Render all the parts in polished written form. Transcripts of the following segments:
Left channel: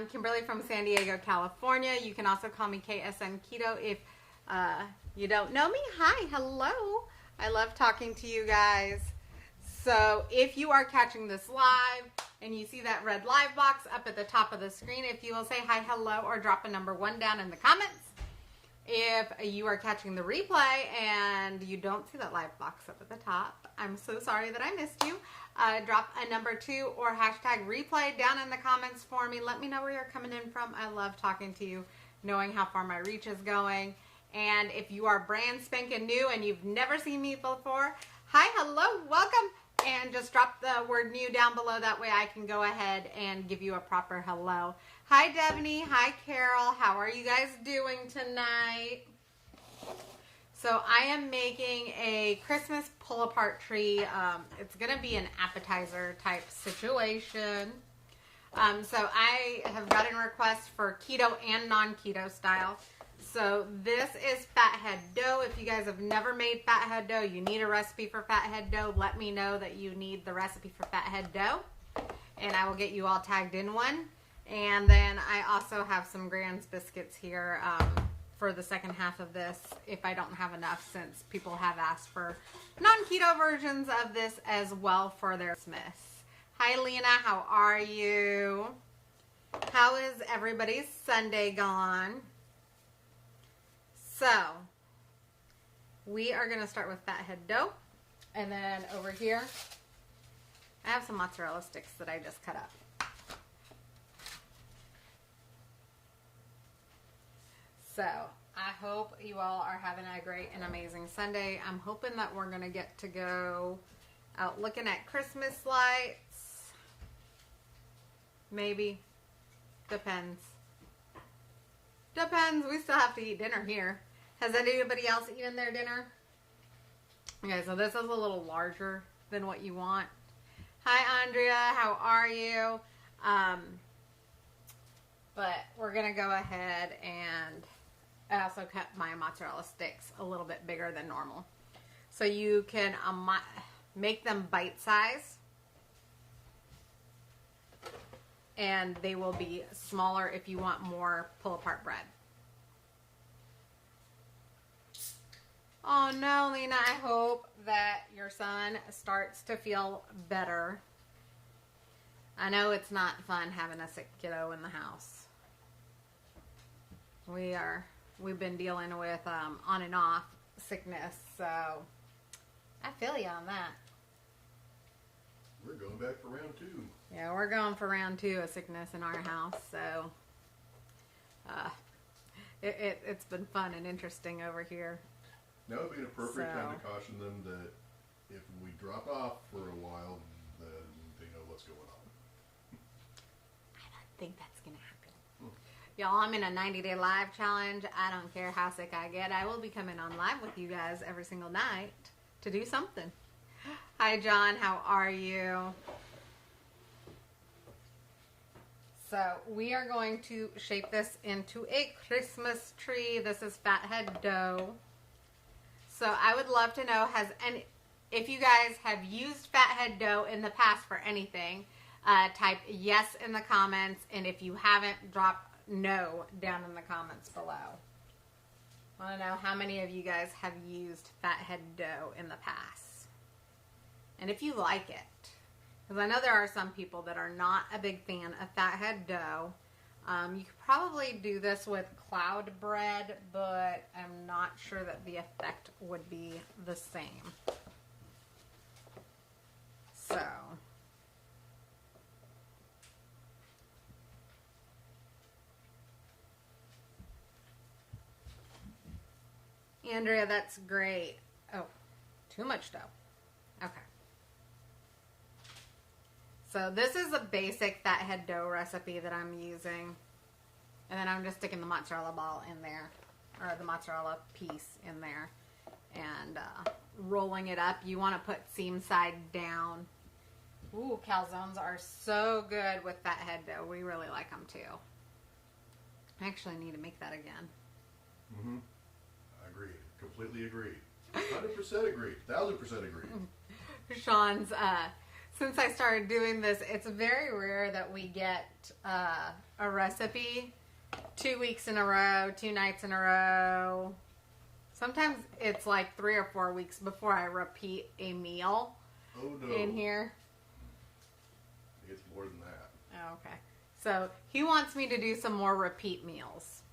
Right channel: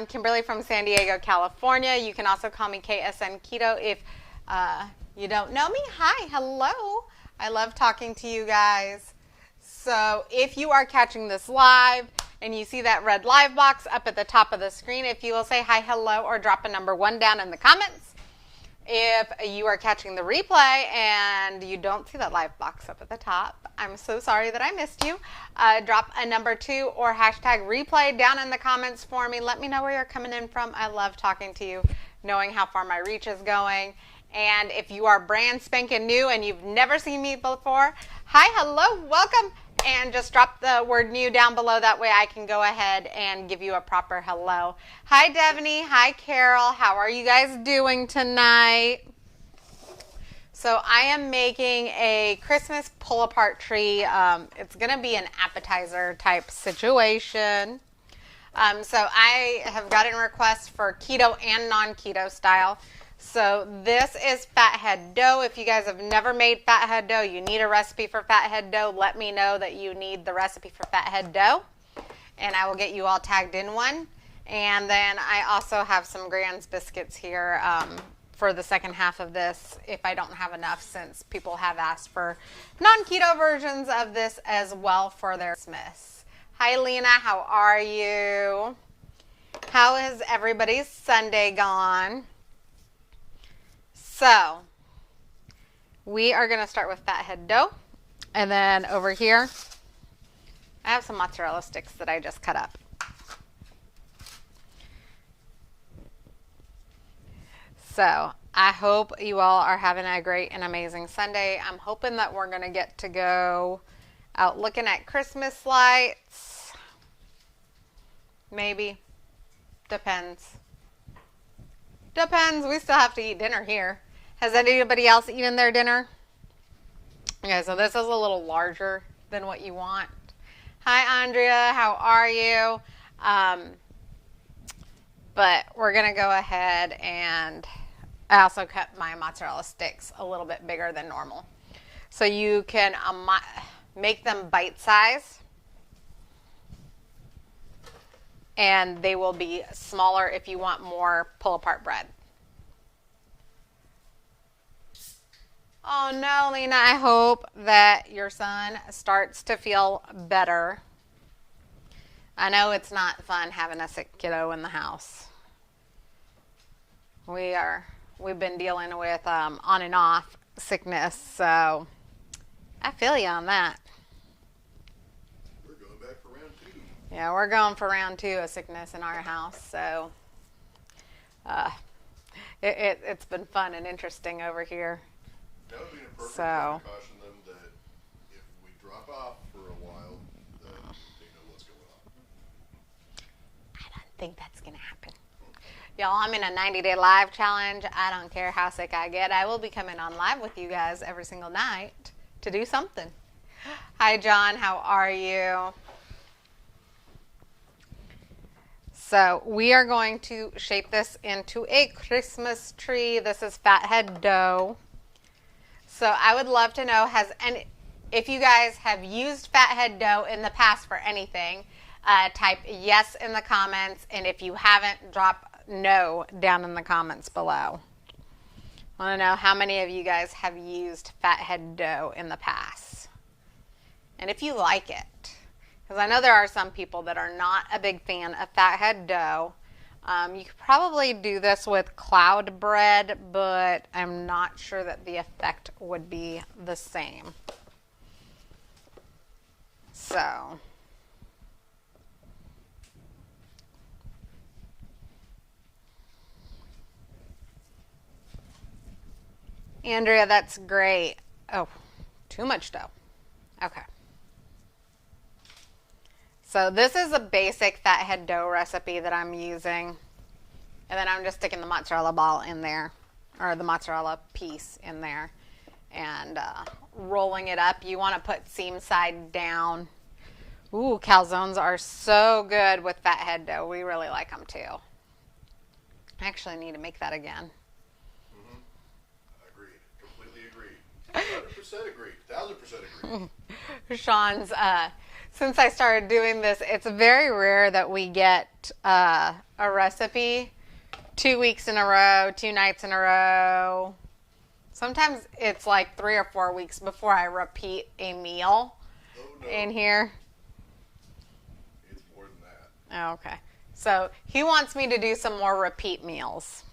I'm Kimberly from San Diego, California. You can also call me KSN Keto if you don't know me. Hi, hello. I love talking to you guys. So if you are catching this live and you see that red live box up at the top of the screen, if you will say hi, hello, or drop a number 1 down in the comments. If you are catching the replay and you don't see that live box up at the top, I'm so sorry that I missed you. Drop a number 2 or hashtag replay down in the comments for me. Let me know where you're coming in from. I love talking to you, knowing how far my reach is going. And if you are brand spanking new and you've never seen me before, hi, hello, welcome. And just drop the word new down below. That way I can go ahead and give you a proper hello. Hi, Devaney. Hi, Carol. How are you guys doing tonight? So I am making a Christmas pull-apart tree. It's going to be an appetizer type situation. So I have gotten requests for keto and non-keto style. So this is fathead dough. If you guys have never made fathead dough, you need a recipe for fathead dough, let me know that you need the recipe for fathead dough, and I will get you all tagged in one. And then I also have some Grand's biscuits here for the second half of this if I don't have enough, since people have asked for non-keto versions of this as well for their Christmas. Hi, Lena. How are you? How has everybody's Sunday gone? So, we are going to start with fathead dough, and then over here, I have some mozzarella sticks that I just cut up. So, I hope you all are having a great and amazing Sunday. I'm hoping that we're going to get to go out looking at Christmas lights. Maybe. Depends. Depends. We still have to eat dinner here. Has anybody else eaten their dinner? Okay, so this is a little larger than what you want. Hi, Andrea. How are you? But we're going to go ahead and I also cut my mozzarella sticks a little bit bigger than normal. So you can make them bite size. And they will be smaller if you want more pull-apart bread. Oh no, Lena, I hope that your son starts to feel better. I know it's not fun having a sick kiddo in the house. We've been dealing with on and off sickness, so I feel you on that. We're going back for round 2. Yeah, we're going for round 2 of sickness in our house, so it's been fun and interesting over here. Now would be an appropriate time to caution them that if we drop off for a while, then they know what's going on. I don't think that's going to happen. Y'all, I'm in a 90-day live challenge. I don't care how sick I get. I will be coming on live with you guys every single night to do something. Hi, John. How are you? So we are going to shape this into a Christmas tree. This is fathead dough. So I would love to know, if you guys have used fathead dough in the past for anything, type yes in the comments. And if you haven't, drop no down in the comments below. I want to know how many of you guys have used fathead dough in the past. And if you like it. Because I know there are some people that are not a big fan of fathead dough. You could probably do this with cloud bread, but I'm not sure that the effect would be the same. So, Andrea, that's great. Oh, too much dough. Okay. So this is a basic fathead dough recipe that I'm using. And then I'm just sticking the mozzarella ball in there, or the mozzarella piece in there, and rolling it up. You want to put seam side down. Ooh, calzones are so good with fathead dough. We really like them too. I actually need to make that again. Mm-hmm. Agreed. Completely agreed. 100% agreed. 1000% agreed. Sean's, since I started doing this, it's very rare that we get a a recipe 2 weeks in a row, 2 nights in a row. Sometimes it's like 3 or 4 weeks before I repeat a meal in here. It's more than that. Oh, okay. So he wants me to do some more repeat meals.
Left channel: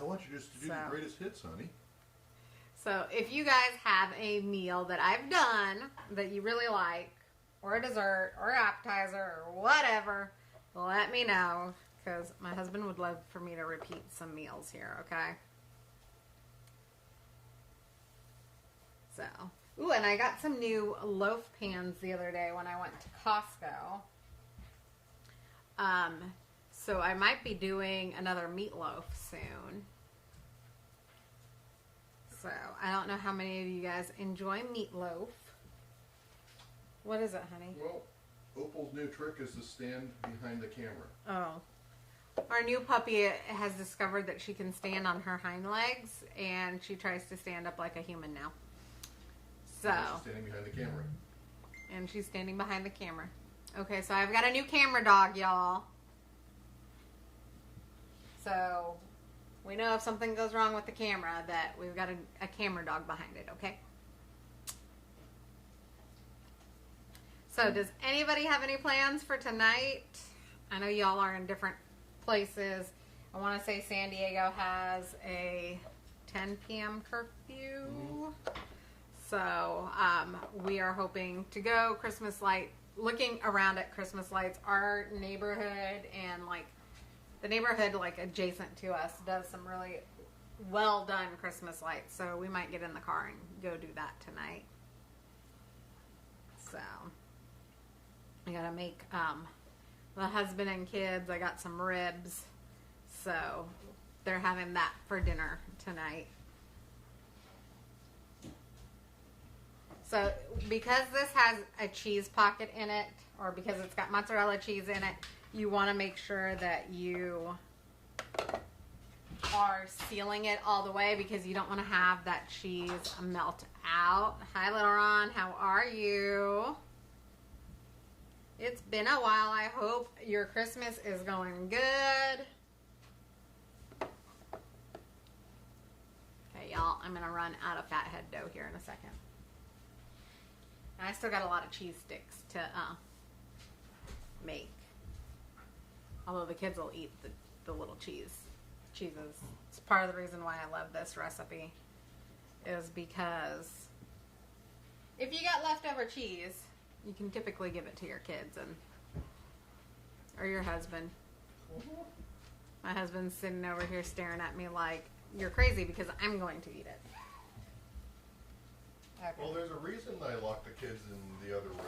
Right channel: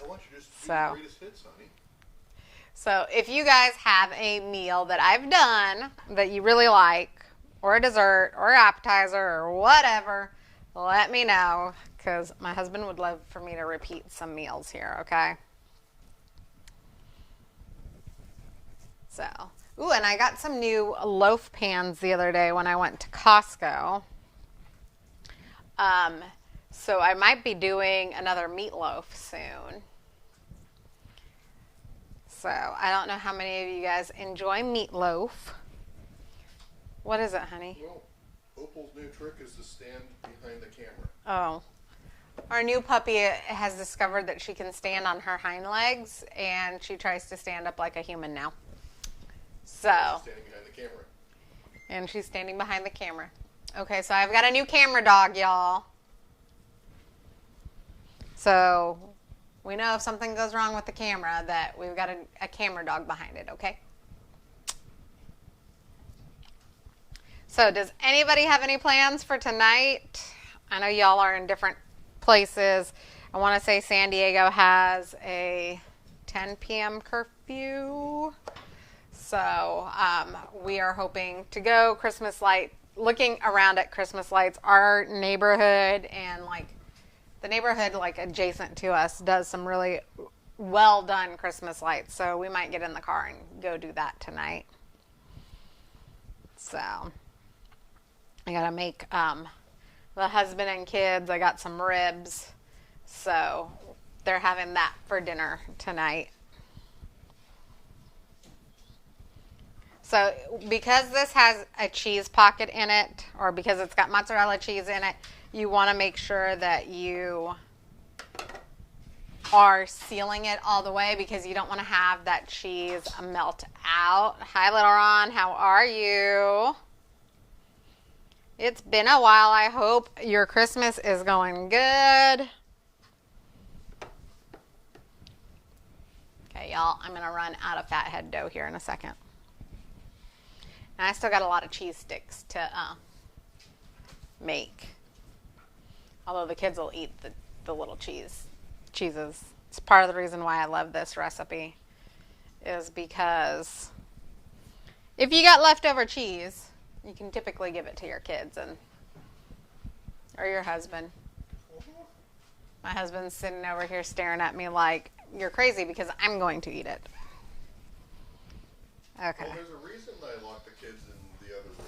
I want you just to do the greatest hits, honey. So if you guys have a meal that I've done that you really like, or a dessert, or appetizer, or whatever, let me know, because my husband would love for me to repeat some meals here, okay? So, ooh, and I got some new loaf pans the other day when I went to Costco. So I might be doing another meatloaf soon. So I don't know how many of you guys enjoy meatloaf. What is it, honey? Well, Opal's new trick is to stand behind the camera. Oh. Our new puppy has discovered that she can stand on her hind legs, and she tries to stand up like a human now. So. She's standing behind the camera. And she's standing behind the camera. Okay, so I've got a new camera dog, y'all. So we know if something goes wrong with the camera that we've got a camera dog behind it, okay? So does anybody have any plans for tonight? I know y'all are in different places. I want to say San Diego has a 10 p.m. curfew. So we are hoping to go Christmas light, looking around at Christmas lights. Our neighborhood and like the neighborhood like adjacent to us does some really well done Christmas lights. So we might get in the car and go do that tonight. So I got to make the husband and kids, I got some ribs. So they're having that for dinner tonight. So because this has a cheese pocket in it, or because it's got mozzarella cheese in it, you want to make sure that you are sealing it all the way because you don't want to have that cheese melt out. Hi, little Ron. How are you? It's been a while. I hope your Christmas is going good. Okay, y'all. I'm going to run out of fathead dough here in a second. And I still got a lot of cheese sticks to make. Although the kids will eat the little cheeses. It's part of the reason why I love this recipe is because if you got leftover cheese, you can typically give it to your kids or your husband. My husband's sitting over here staring at me like, you're crazy because I'm going to eat it. Okay. Well, there's a reason I locked the kids in the other room.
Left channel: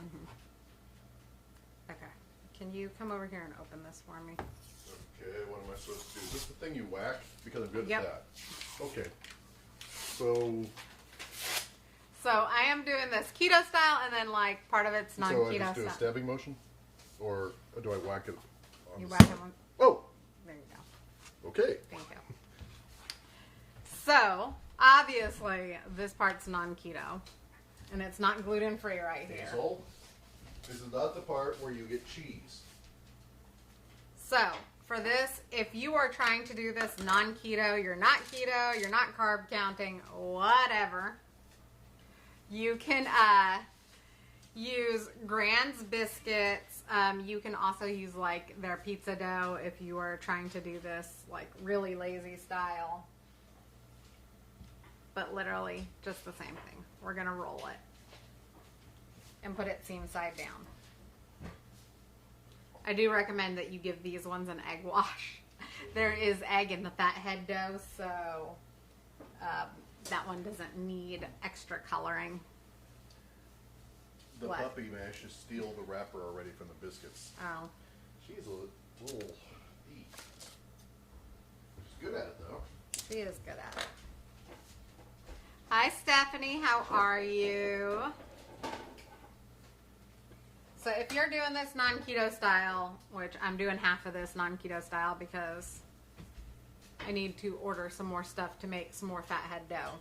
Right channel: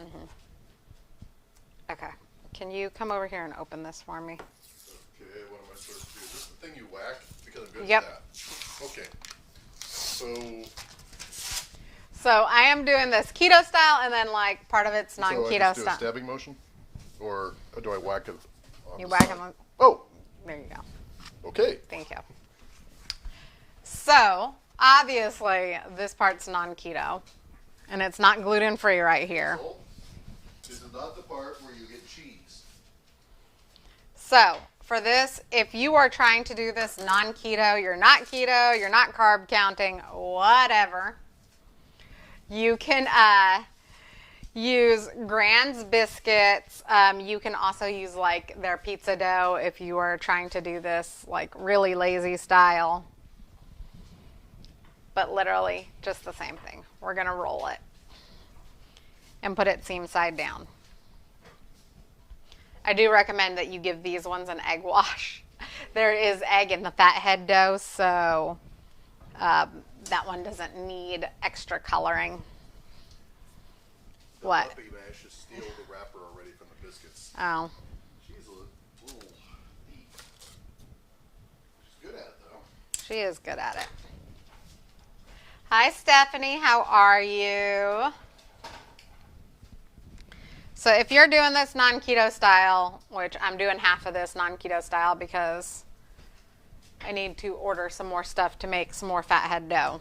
Mm-hmm. Okay. Can you come over here and open this for me? Okay, what am I supposed to do? Is this the thing you whack? Because I'm good Yep. at that. Okay. So I am doing this keto style, and then like part of it's non-keto So I just do style. a stabbing motion? Or do I whack it on You the whack side? them on. Oh, There you go. okay. Thank you. So obviously this part's non-keto, and it's not gluten-free right here. So, this is not the part where you get cheese. So for this, if you are trying to do this non-keto, you're not keto, you're not carb counting, whatever, you can use Grand's biscuits. You can also use like their pizza dough if you are trying to do this like really lazy style. But literally just the same thing. We're going to roll it and put it seam side down. I do recommend that you give these ones an egg wash. There is egg in the fathead dough, so that one doesn't need extra coloring. The What? puppy managed to steal the wrapper already from the biscuits. Oh. She's a little thief. She's good at it, though. She is good at it. Hi, Stephanie. How are you? So if you're doing this non-keto style, which I'm doing half of this non-keto style because I need to order some more stuff to make some more fathead dough.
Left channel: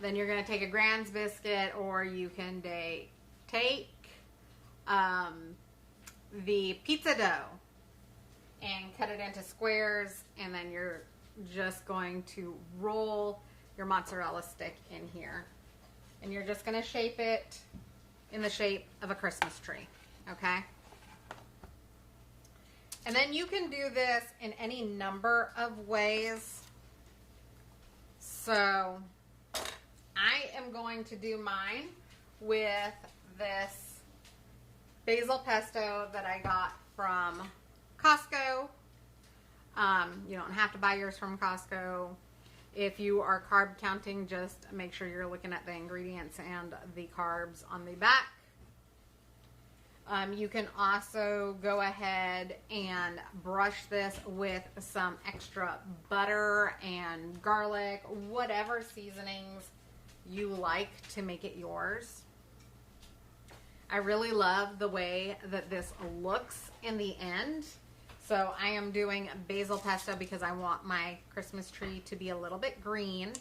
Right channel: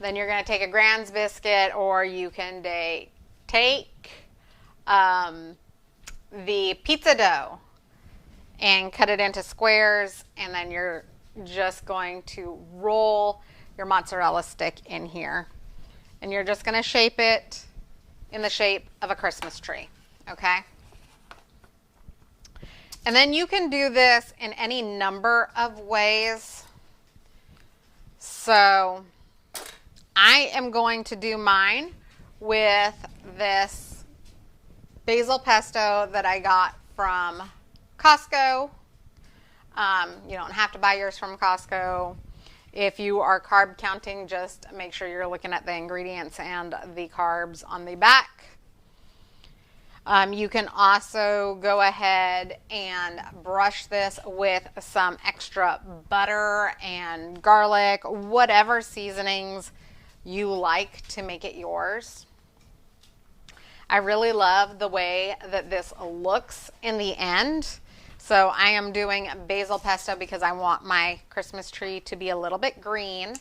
Then you're going to take a Grand's biscuit, or you can take the pizza dough and cut it into squares, and then you're just going to roll your mozzarella stick in here. And you're just going to shape it in the shape of a Christmas tree, okay? And then you can do this in any number of ways. So I am going to do mine with this basil pesto that I got from Costco. You don't have to buy yours from Costco. If you are carb counting, just make sure you're looking at the ingredients and the carbs on the back. You can also go ahead and brush this with some extra butter and garlic, whatever seasonings you like to make it yours. I really love the way that this looks in the end. So I am doing basil pesto because I want my Christmas tree to be a little bit green.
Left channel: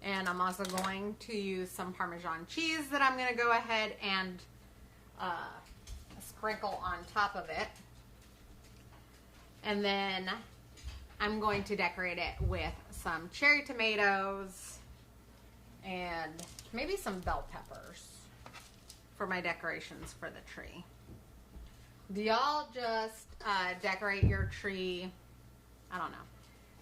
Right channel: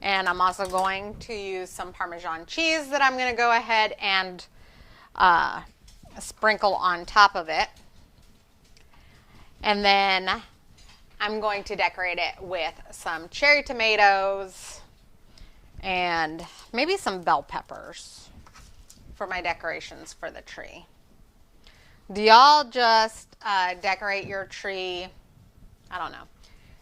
And I'm also going to use some Parmesan cheese that I'm going to go ahead and sprinkle on top of it. And then I'm going to decorate it with some cherry tomatoes and maybe some bell peppers for my decorations for the tree. Do y'all just decorate your tree? I don't know.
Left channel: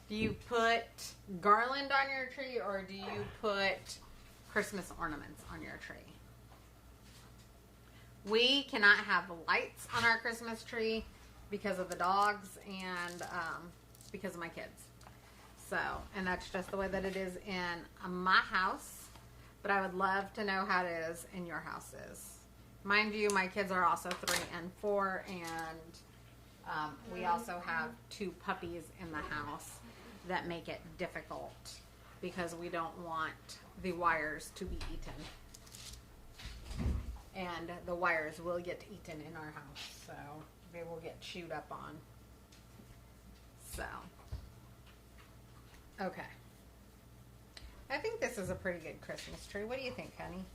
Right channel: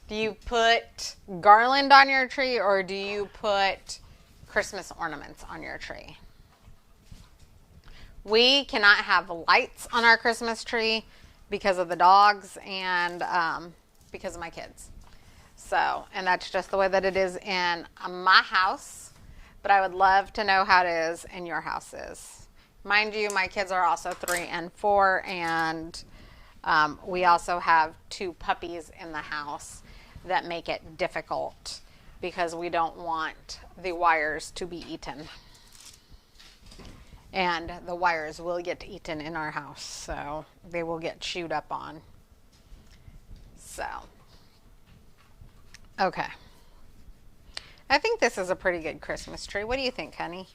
Do you put garland on your tree, or do you put Christmas ornaments on your tree? We cannot have lights on our Christmas tree because of the dogs and because of my kids. So, and that's just the way that it is in my house. But I would love to know how it is in your houses. Mind you, my kids are also 3 and 4, and we also have 2 puppies in the house that make it difficult because we don't want the wires to be eaten. And the wires will get eaten in our house, so they will get chewed up on. So, okay. I think this is a pretty good Christmas tree. What do you think, honey?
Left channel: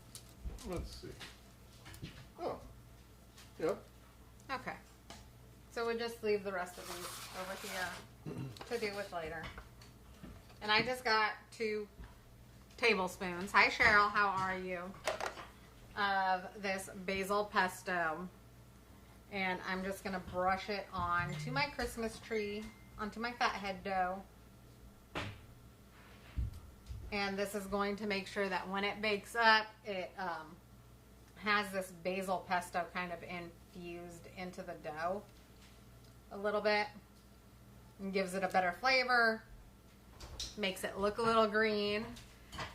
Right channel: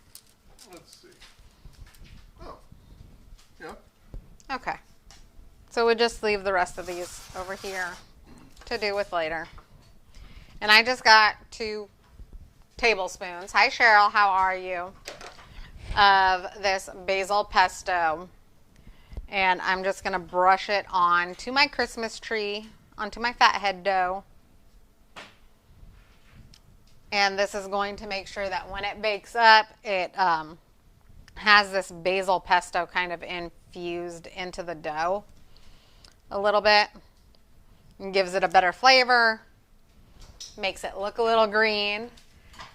Let's see. Oh, yep. Okay. So we'll just leave the rest of these over here to do with later. And I just got 2 tablespoons. Hi, Cheryl. How are you? Of this basil pesto. And I'm just going to brush it onto my Christmas tree, onto my fathead dough. And this is going to make sure that when it bakes up, it has this basil pesto kind of infused into the dough a little bit. And gives it a better flavor. Makes it look a little green.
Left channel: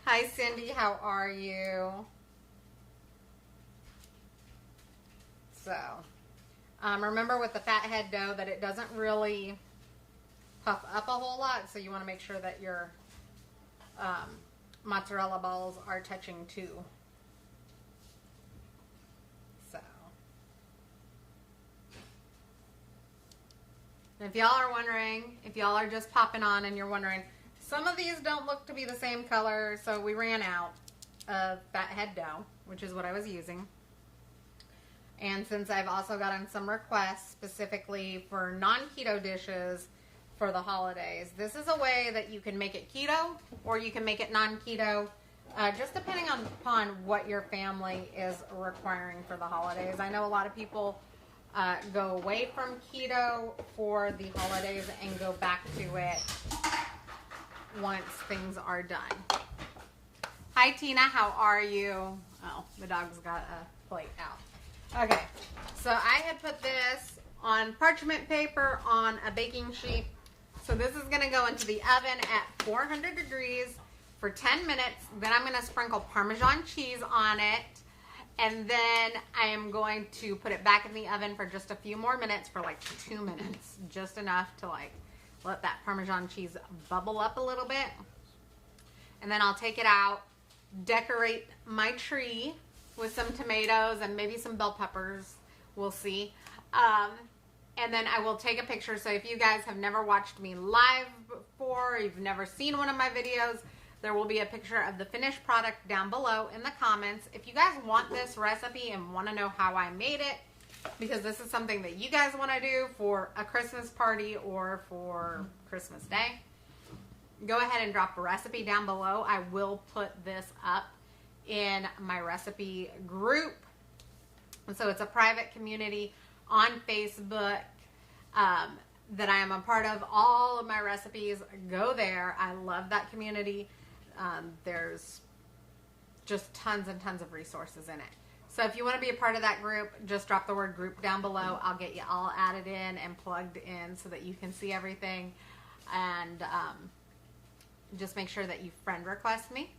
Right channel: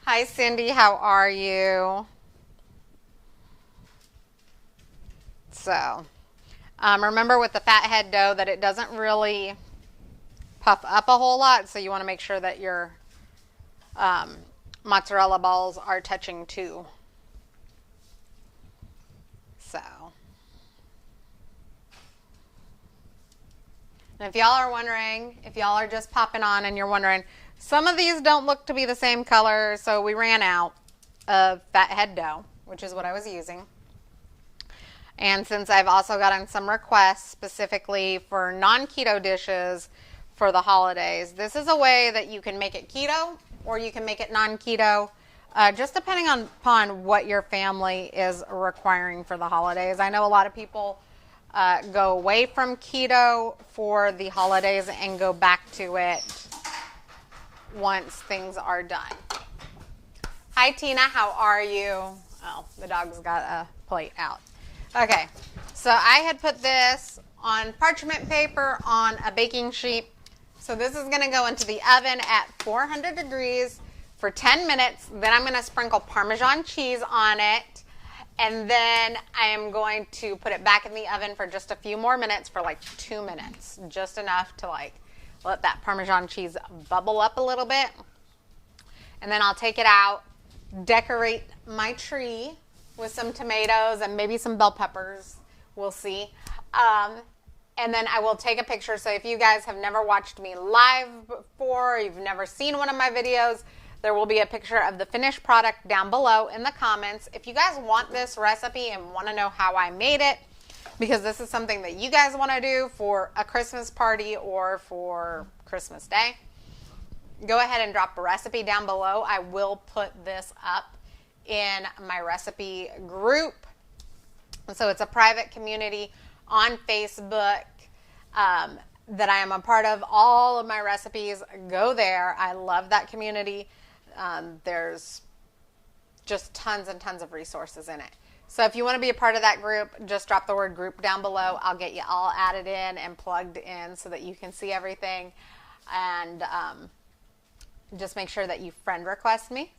Hi, Cindy. How are you? So, remember with the fathead dough that it doesn't really puff up a whole lot. So you want to make sure that your mozzarella balls are touching too. So, and if y'all are wondering, if y'all are just popping on and you're wondering, some of these don't look to be the same color, so we ran out of fathead dough, which is what I was using. And since I've also gotten some requests specifically for non-keto dishes for the holidays, this is a way that you can make it keto or you can make it non-keto, just depending upon what your family is requiring for the holidays. I know a lot of people go away from keto for the holidays and go back to it once things are done. Hi, Tina. How are you? Oh, the dog's got a plate out. Okay, so I had put this on parchment paper on a baking sheet. So this is going to go into the oven at 400 degrees for 10 minutes. Then I'm going to sprinkle Parmesan cheese on it. And then I am going to put it back in the oven for just a few more minutes, for like 2 minutes. Just enough to like let that Parmesan cheese bubble up a little bit. And then I'll take it out, decorate my tree with some tomatoes and maybe some bell peppers. We'll see. And then I will take a picture. So if you guys have never watched me live before, you've never seen one of my videos, There will be a picture of the finished product down below in the comments. If you guys want this recipe and want to know how I made it, because this is something that you guys want to do for a Christmas party or for Christmas Day, go ahead and drop a recipe down below. I will put this up in my recipe group. And so it's a private community on Facebook that I am a part of. All of my recipes go there. I love that community. There's just tons and tons of resources in it. So if you want to be a part of that group, just drop the word group down below. I'll get you all added in and plugged in so that you can see everything. And just make sure that you friend request me.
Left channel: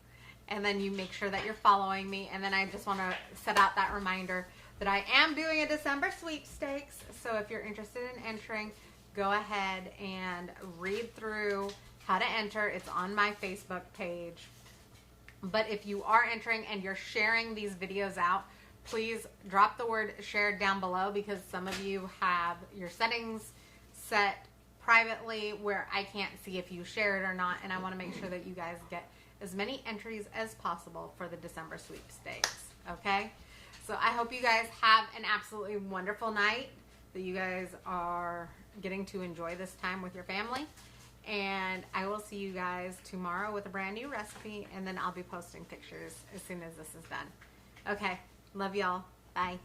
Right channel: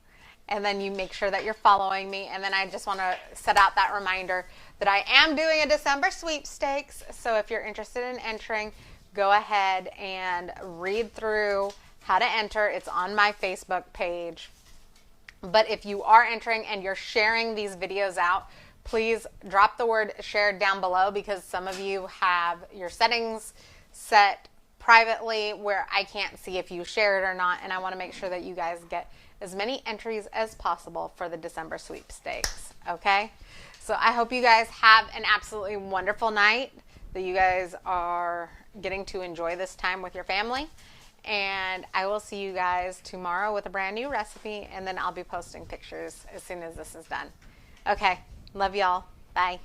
And then you make sure that you're following me. And then I just want to set out that reminder that I am doing a December sweepstakes. So if you're interested in entering, go ahead and read through how to enter. It's on my Facebook page. But if you are entering and you're sharing these videos out, please drop the word share down below, because some of you have your settings set privately where I can't see if you share it or not. And I want to make sure that you guys get as many entries as possible for the December sweepstakes. Okay? So I hope you guys have an absolutely wonderful night, that you guys are getting to enjoy this time with your family. And I will see you guys tomorrow with a brand new recipe, and then I'll be posting pictures as soon as this is done. Okay, love y'all. Bye.